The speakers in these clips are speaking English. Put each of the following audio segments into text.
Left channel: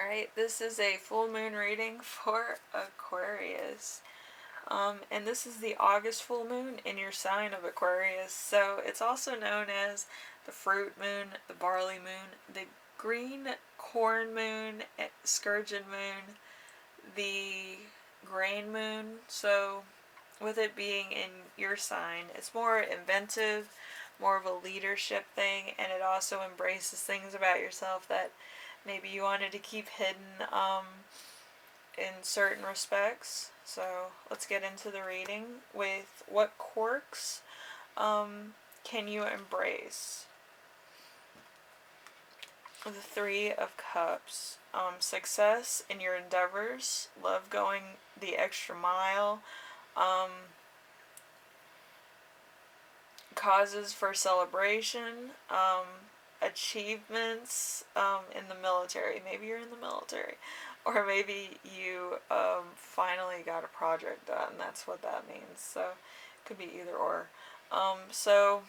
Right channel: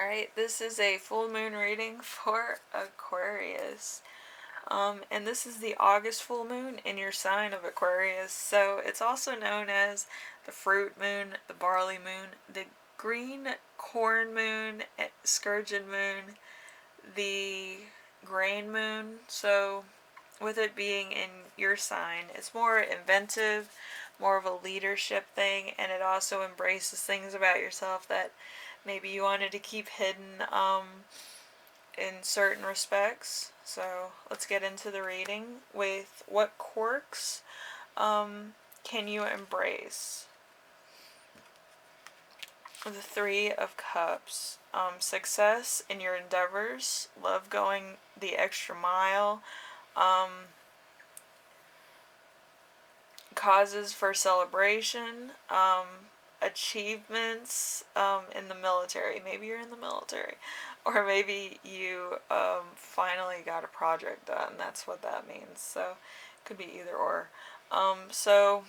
Alright, this is a full moon reading for Aquarius. And this is the August full moon in your sign of Aquarius. So it's also known as the fruit moon, the barley moon, the green corn moon, sturgeon moon, the grain moon. So with it being in your sign, it's more inventive, more of a leadership thing, and it also embraces things about yourself that maybe you wanted to keep hidden in certain respects. So let's get into the reading with what quirks can you embrace? The Three of Cups. Success in your endeavors, love going the extra mile, causes for celebration, achievements in the military. Maybe you're in the military. Or maybe you finally got a project done. That's what that means. So it could be either or. So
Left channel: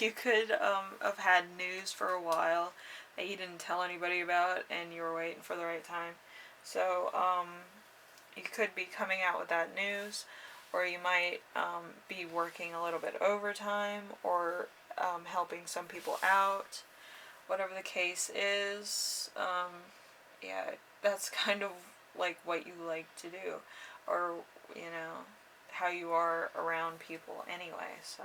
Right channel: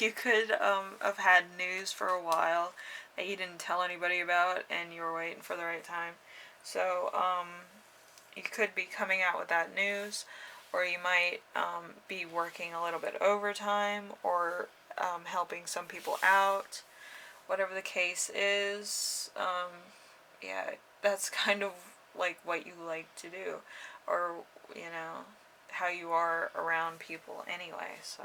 you could have had news for a while that you didn't tell anybody about and you were waiting for the right time. So you could be coming out with that news, or you might be working a little bit overtime, or helping some people out. Whatever the case is, yeah, that's kind of like what you like to do, or how you are around people anyway. So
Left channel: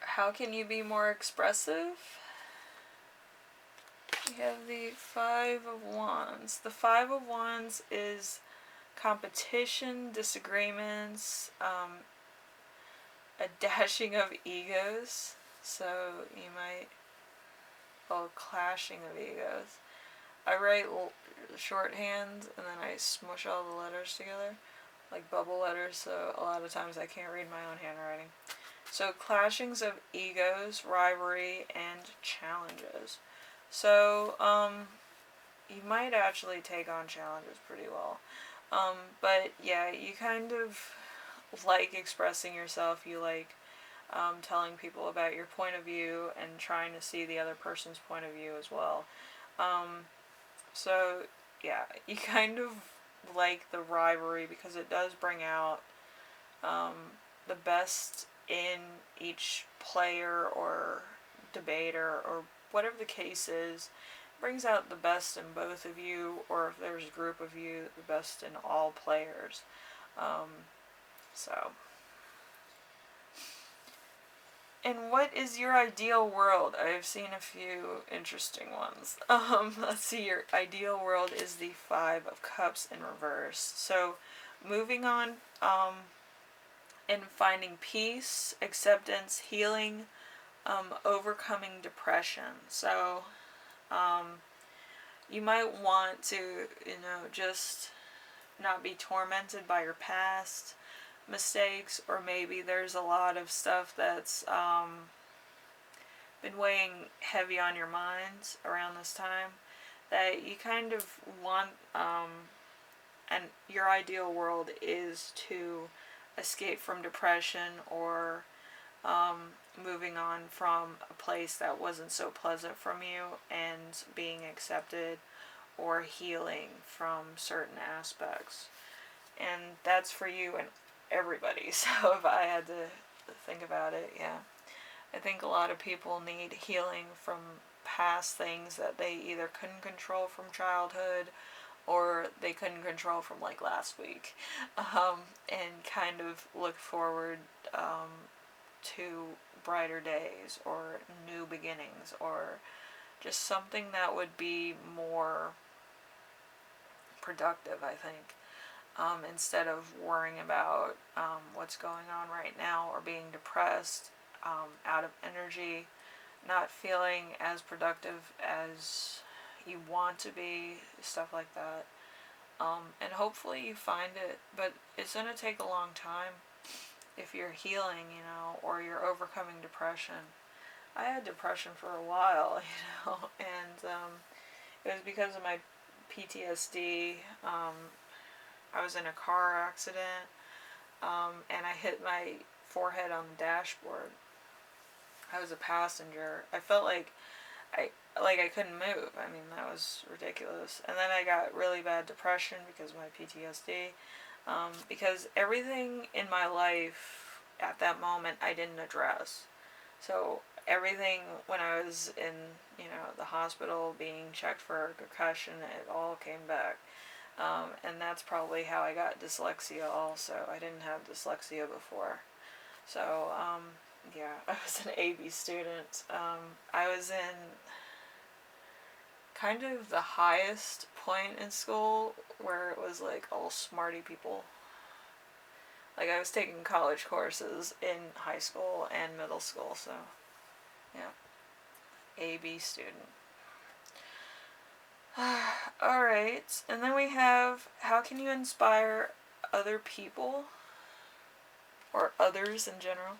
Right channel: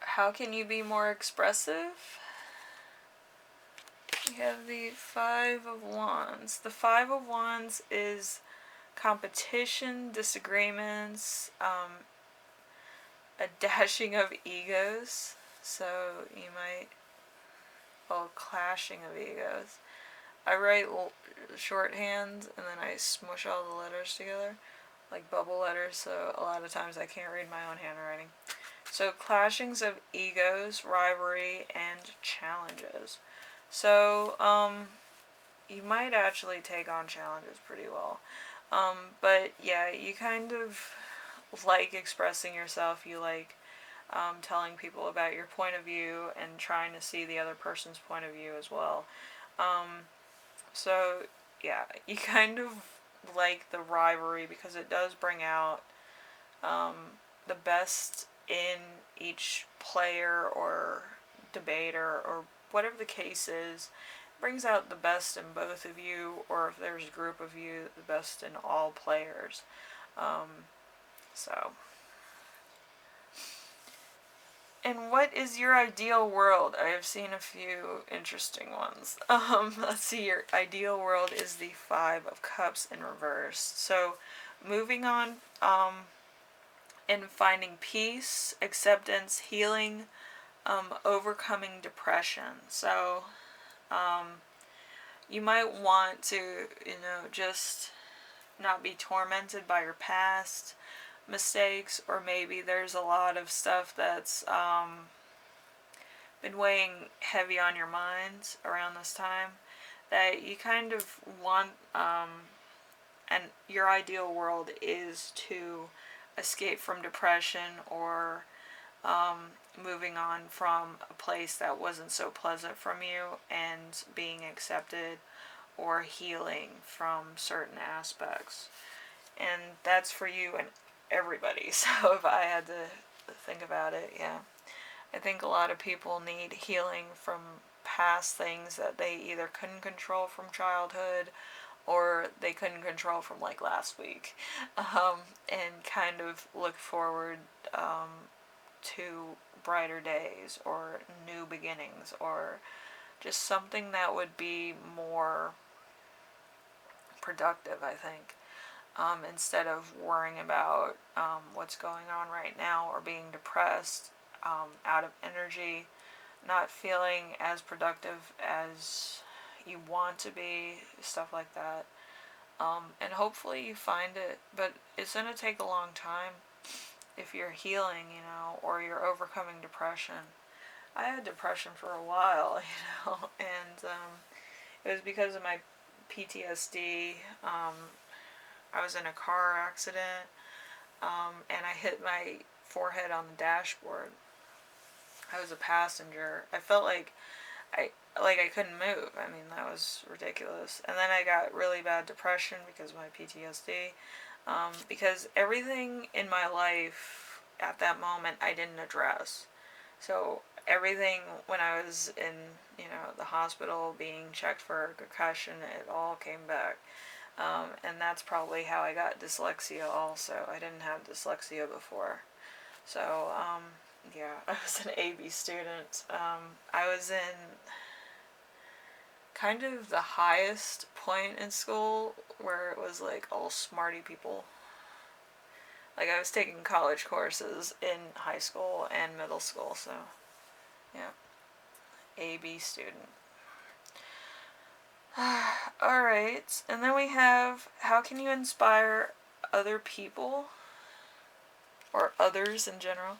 how can you be more expressive? We have the Five of Wands. The Five of Wands is competition, disagreements, a dashing of egos. So you might, clashing of egos. I write shorthand and then I smush all the letters together, like bubble letters, so a lot of times I can't read my own handwriting. So clashings of egos, rivalry, and challenges. So, you might actually take on challenges pretty well. But yeah, you kind of like expressing yourself. You like telling people about your point of view and trying to see the other person's point of view as well. So yeah, you kind of like the rivalry because it does bring out the best in each player or debater or whatever the case is. Brings out the best in both of you, or if there's a group of you, the best in all players. So, and what is your ideal world? I have seen a few interesting ones. Let's see, your ideal world is the Five of Cups in reverse. So, moving on, and finding peace, acceptance, healing, overcoming depression. So, you might want to, just not be tormented by your past mistakes, or maybe there's a lot of stuff that's been weighing heavy on your mind around this time that you kind of want, and your ideal world is to escape from depression, or moving on from a place that wasn't so pleasant from you and being accepted or healing from certain aspects. And that's for you and everybody. So if I had to think about it, yeah. I think a lot of people need healing from past things that they either couldn't control from childhood or they couldn't control from like last week, and kind of look forward to brighter days or new beginnings, or just something that would be more productive, I think, instead of worrying about what's going on right now, or being depressed, out of energy, not feeling as productive as you want to be, stuff like that. And hopefully you find it, but it's going to take a long time if you're healing, or you're overcoming depression. I had depression for a while, and it was because of my PTSD. I was in a car accident, and I hit my forehead on the dashboard. I was a passenger. I felt like I couldn't move. I mean, that was ridiculous. And then I got really bad depression because of my PTSD. Because everything in my life at that moment I didn't address. So everything when I was in, the hospital being checked for concussion, it all came back. And that's probably how I got dyslexia also. I didn't have dyslexia before. So, yeah, I was an AB student. I was in kind of the highest point in school where it was like all smarty people. Like I was taking college courses in high school and middle school, so yeah, AB student. Alright, and then we have how can you inspire other people or others in general?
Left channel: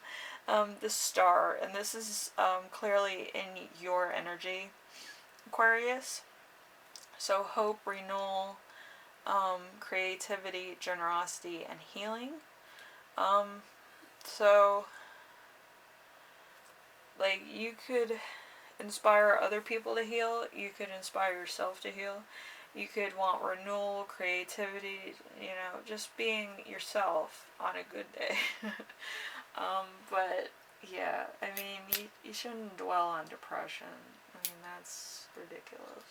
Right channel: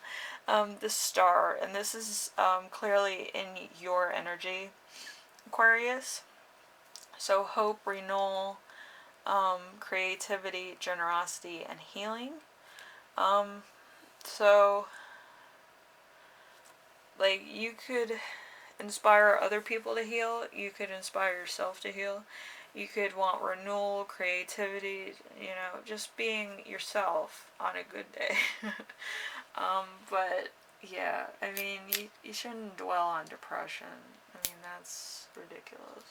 The star, and this is clearly in your energy, Aquarius. So hope, renewal, creativity, generosity, and healing. So like you could inspire other people to heal, you could inspire yourself to heal, you could want renewal, creativity, just being yourself on a good day. But yeah, I mean, you shouldn't dwell on depression. I mean, that's ridiculous.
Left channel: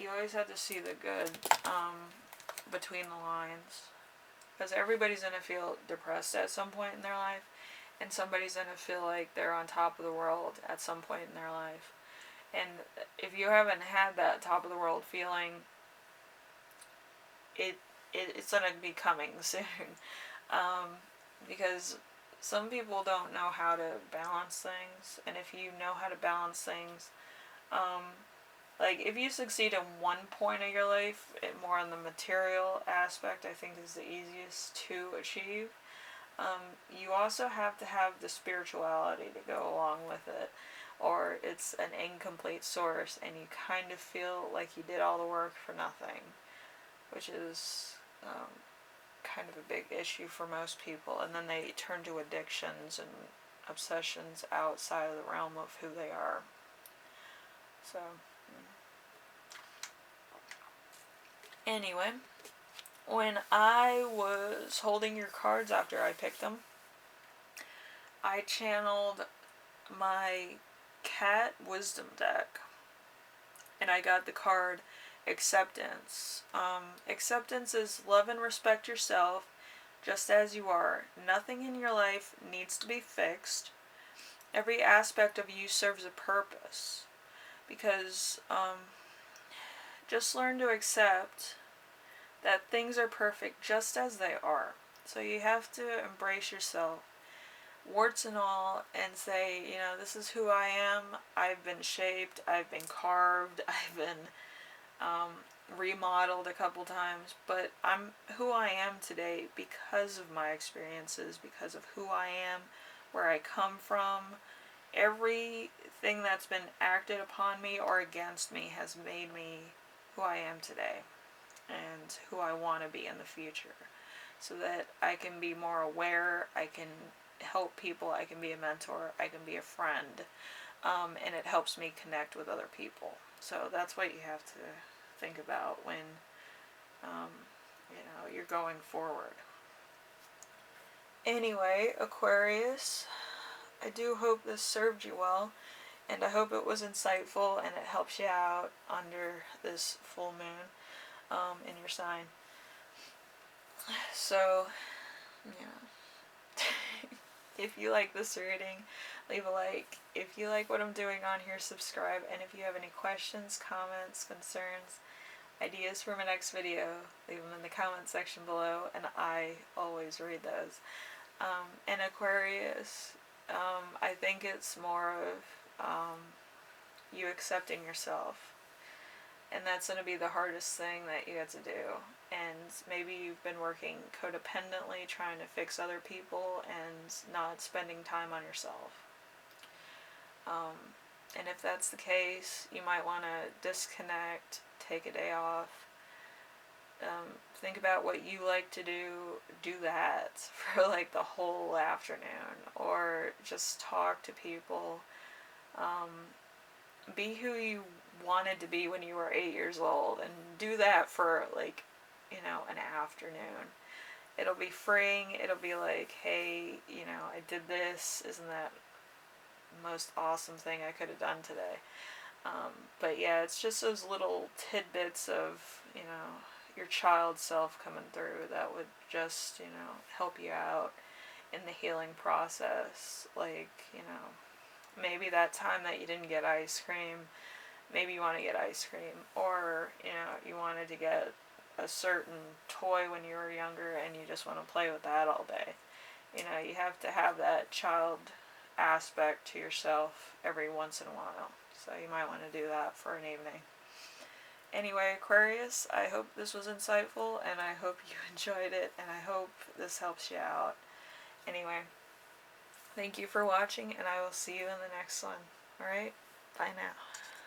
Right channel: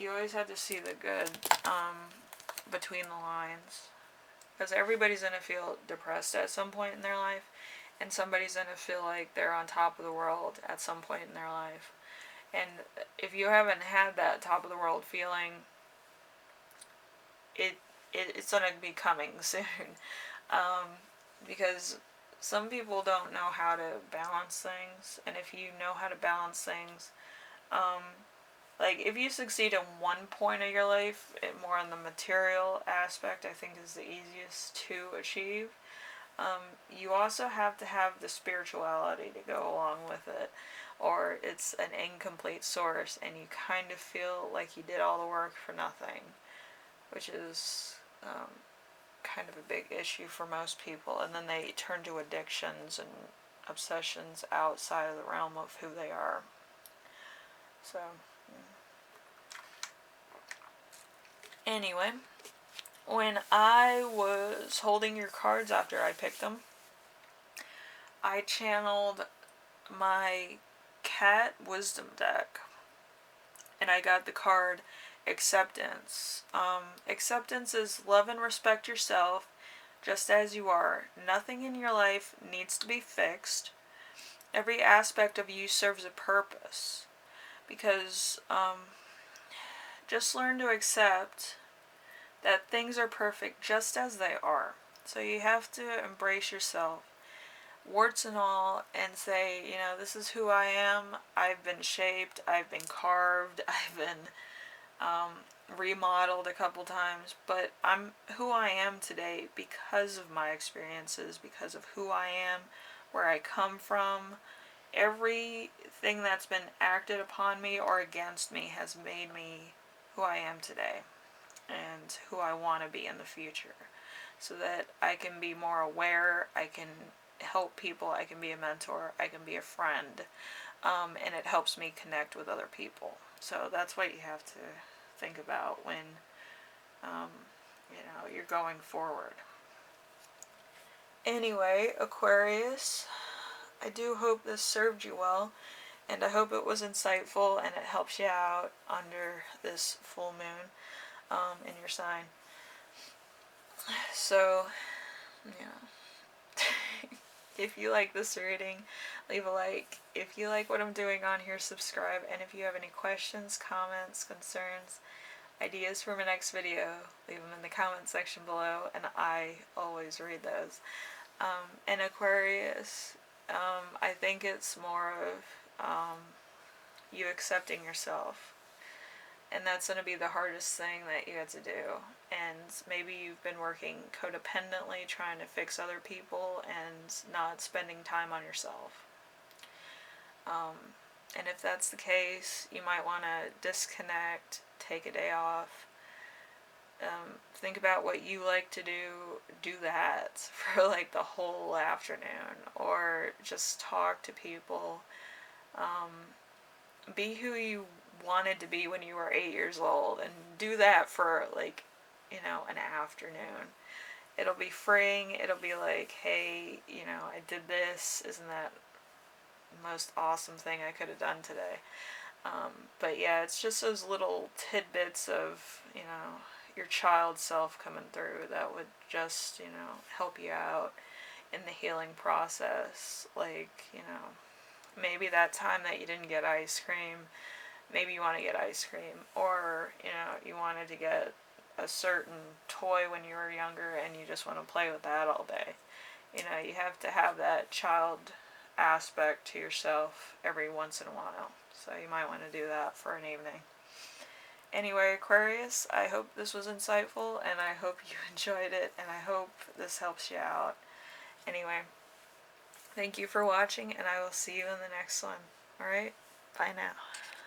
You always have to see the good between the lines. Because everybody's going to feel depressed at some point in their life. And somebody's going to feel like they're on top of the world at some point in their life. And if you haven't had that top of the world feeling, it's going to be coming soon. Because some people don't know how to balance things. And if you know how to balance things, like if you succeed in one point of your life, more on the material aspect, I think is the easiest to achieve. You also have to have the spirituality to go along with it, or it's an incomplete source and you kind of feel like you did all the work for nothing, which is kind of a big issue for most people, and then they turn to addictions and obsessions outside of the realm of who they are. So anyway, when I was holding your cards after I picked them, I channeled my cat wisdom deck, and I got the card acceptance. Acceptance is love and respect yourself just as you are. Nothing in your life needs to be fixed. Every aspect of you serves a purpose, because just learn to accept that things are perfect just as they are. So you have to embrace yourself, warts and all, and say, this is who I am. I've been shaped, I've been carved, I've been remodeled a couple times, but I'm who I am today because of my experiences, because of who I am, where I come from. Everything that's been acted upon me or against me has made me who I am today and who I want to be in the future, so that I can be more aware, I can help people, I can be a mentor, I can be a friend, and it helps me connect with other people. So that's what you have to think about when you're going forward. Anyway, Aquarius, I do hope this served you well, and I hope it was insightful and it helps you out under this full moon in your sign. So, if you like this reading, leave a like. If you like what I'm doing on here, subscribe. And if you have any questions, comments, concerns, ideas for my next video, leave them in the comment section below, and I always read those. And Aquarius, I think it's more of you accepting yourself. And that's going to be the hardest thing that you have to do. And maybe you've been working codependently, trying to fix other people and not spending time on yourself. And if that's the case, you might want to disconnect, take a day off, Think about what you like to do that for like the whole afternoon, or just talk to people. Um, be who you wanted to be when you were 8 years old, and do that for like, an afternoon. It'll be freeing. It'll be like, hey, I did this. Isn't that the most awesome thing I could have done today? But yeah, it's just those little tidbits of, your child self coming through that would just, help you out in the healing process. Like, maybe that time that you didn't get ice cream, maybe you want to get ice cream, or, you wanted to get a certain toy when you were younger and you just want to play with that all day. You have to have that child aspect to yourself every once in a while. So you might want to do that for an evening. Anyway, Aquarius, I hope this was insightful, and I hope you enjoyed it, and I hope this helps you out. Anyway, thank you for watching, and I will see you in the next one. Alright? Bye now.